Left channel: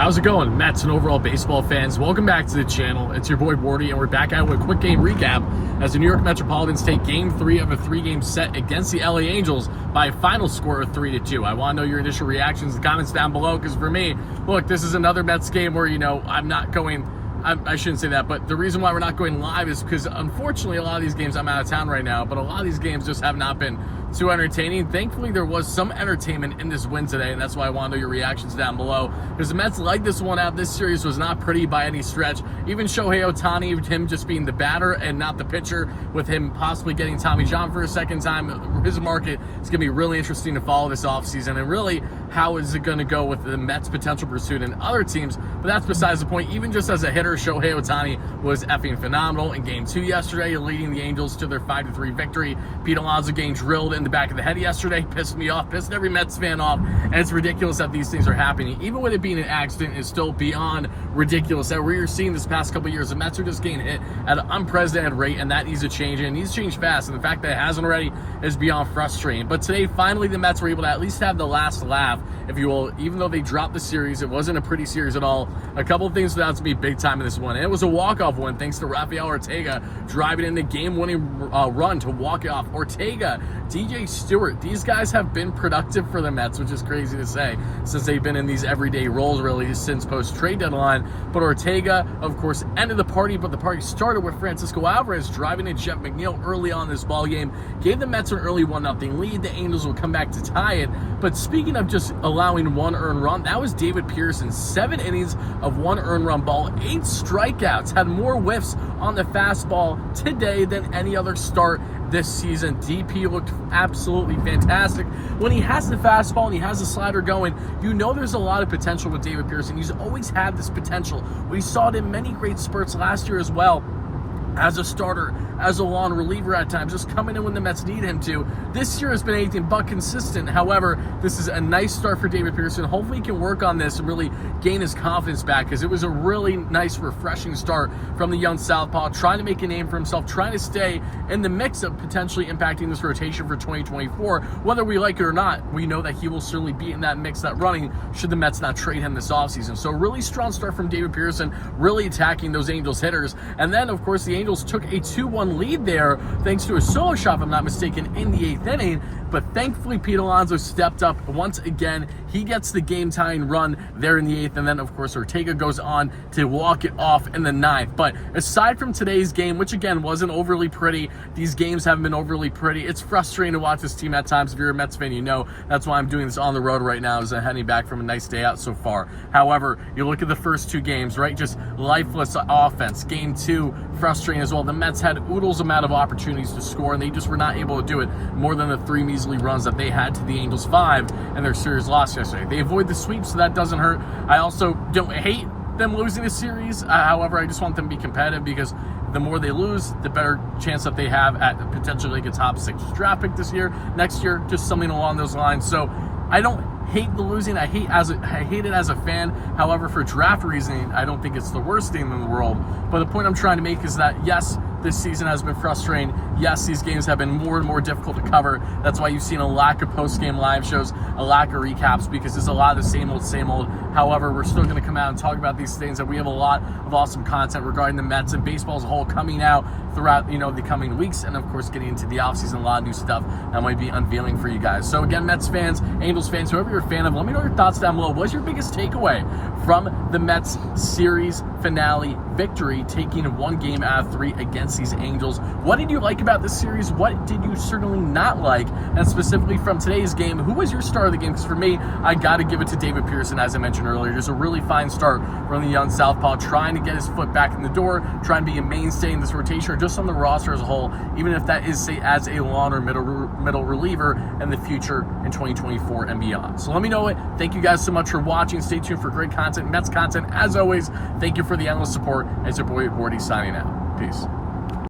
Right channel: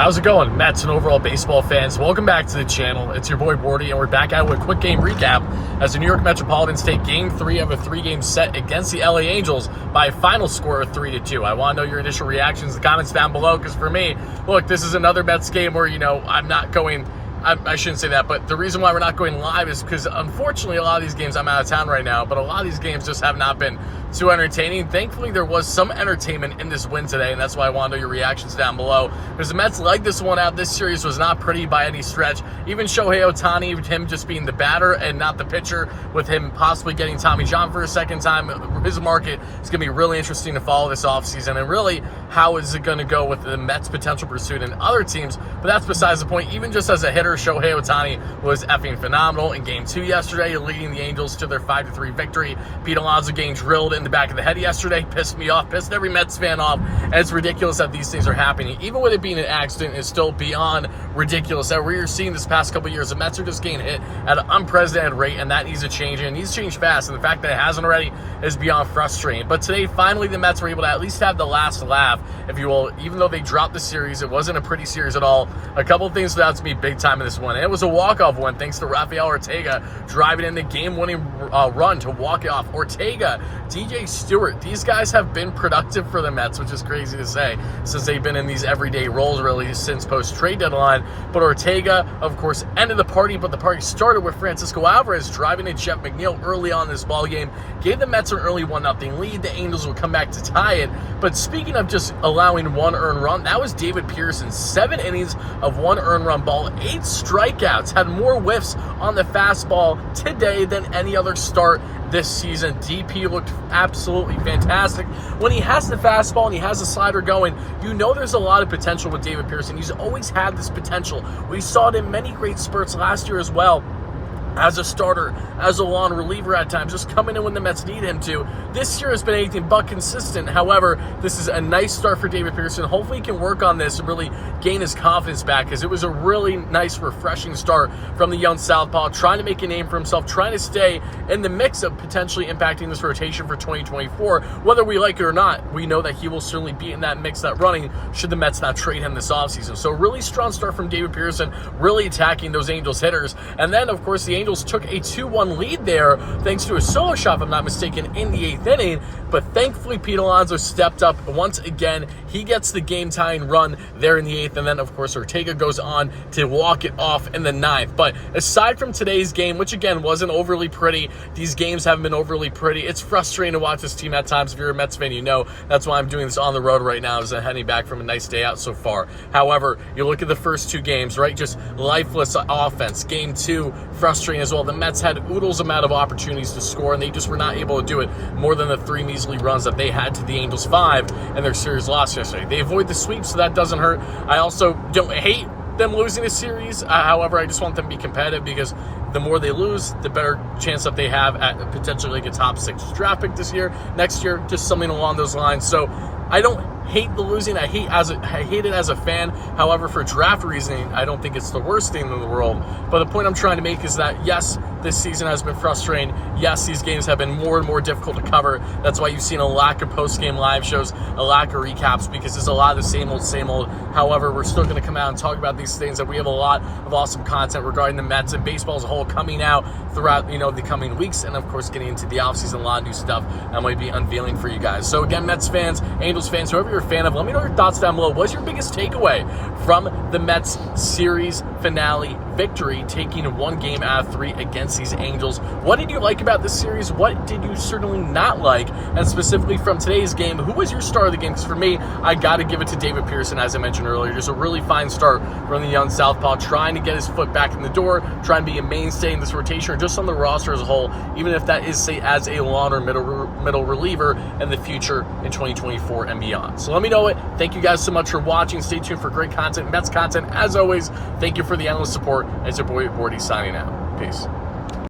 How's it going, Mets and overall baseball fans? Welcome back to the channel. It's your boy Wardy, and we're back out with a quick game recap as the New York Metropolitans take Game 3 of a 3-game set against the LA Angels by a final score of 3-2. I want to know your initial reactions in the comments down below, because for me, look, this is another Mets game where, I'm not going... I shouldn't say that, but the reason why we're not going live is because, unfortunately, a lot of these games, I'm out of town right now, but a lot of these games just have not been too entertaining. Thankfully, there was some entertainment in this win today, and that's why I want to know your reactions down below. Because the Mets legged this one out. This series was not pretty by any stretch. Even Shohei Ohtani, him just being the batter and not the pitcher, with him possibly getting Tommy John for a second time, his market is going to be really interesting to follow this offseason. And really, how is it going to go with the Mets' potential pursuit and other teams? But that's besides the point. Even just as a hitter, Shohei Ohtani was effing phenomenal in Game 2 yesterday, leading the Angels to their 5-3 victory. Pete Alonso getting drilled in the back of the head yesterday pissed me off, pissed every Mets fan off, and it's ridiculous that these things are happening. Even with it being an accident, it's still beyond ridiculous that we're seeing this past couple of years. The Mets are just getting hit at an unprecedented rate, and that needs to change, and it needs to change fast, and the fact that it hasn't already is beyond frustrating. But today, finally, the Mets were able to at least have the last laugh, if you will. Even though they dropped the series, it wasn't a pretty series at all. A couple of things stood out to be big time in this one, and it was a walk-off one thanks to Rafael Ortega driving in the game-winning run to walk it off. Ortega, DJ Stewart, these guys have been productive for the Mets, which is crazy to say since they've been in these everyday roles really since post-trade deadline. But Ortega, of course, ended the party, but the party started with Francisco Alvarez driving in Jeff McNeil early on in this ball game, gave the Mets an early 1-0 lead. The Angels would come back to tie it. But speaking of just allowing one earned run, that was David Pearson. 7 innings of 1 earned run ball, 8 strikeouts, had more whiffs on the fastball today than any other start this season. DP looked absolutely fantastic. When he has the fastball and he has the slider going, you know there's a lot of potential with David Pearson. He's always had this potential. We saw it in many great spurts last year as well, as a starter, as a long reliever at times, just coming in when the Mets need him to. This year has been anything but consistent. However, this is a nice start for David Pearson. Hopefully he can work on this and really gain his confidence back, because it was a really nice, refreshing start from the young southpaw, trying to make a name for himself, trying to stay in the mix of potentially impacting this rotation for 2024. Whether we like it or not, we know that he will certainly be in that mix, that running, should the Mets not trade him this offseason. So really strong start from David Pearson, really attacking those Angels hitters. And then, of course, the Angels took a 2-1 lead there thanks to a solo shot, if I'm not mistaken, in the 8th inning. But thankfully, Pete Alonso stepped up once again. He gets the game-tying run there in the 8th, and then, of course, Ortega goes on to walk it off in the 9th. But aside from today's game, which, again, wasn't overly pretty, these games haven't been overly pretty. It's frustrating to watch this team at times. If you're a Mets fan, you know that's why I'm doing this on the road right now, as I'm heading back from a nice day out so far. However, you look at the first 2 games, right? Just lifeless offense. Game 2, frustrating as well. The Mets had oodles amount of opportunities to score, and they just were not able to do it. More than the 3 measly runs that they had to the Angels 5 and their series loss yesterday. They avoid the sweep, so that doesn't hurt. I also don't hate them losing a series. However, I just want them to be competitive, because the more they lose, the better chance that they have at potentially like a top 6 draft pick next year, just something along those lines. So I don't hate the losing. I hate it as a fan. However, for draft reasoning, I don't think it's the worst thing in the world. But the point I'm trying to make is that, yes, this season has been frustrating. Yes, these games have been more and more difficult to cover. That's why you've seen a lack of post-game live shows, a lack of recaps, because it's a lot of the same old. However, we're still going to come out and talk about these things, and we have a lot of awesome content regarding the Mets and baseball as a whole coming out throughout, the coming weeks, and of course getting into the offseason, a lot of new stuff I might be unveiling for you guys. So again, Mets fans, Angels fans, whoever you're a fan of, let me know your thoughts down below. What's your biggest takeaway from the Mets series finale victory, taking 1 game out of 3 against these Angels? What did you like about this series? What did you certainly not like? And specifically from today's game, who was your star of the game? Because for me, I got to give it to David Pearson, as I mentioned earlier. Just a really fine start from the young southpaw, trying to get his foot back in the door, trying to be a mainstay in this rotation, or just on the roster as a whole, even if that is, say, as a long or middle reliever in the future in 2024 and beyond. So let me know it. Thank you guys so much for watching. Stay tuned for great content, Mets content. As always, thank you for the endless support. And it's your boy Wardy signing out. Peace.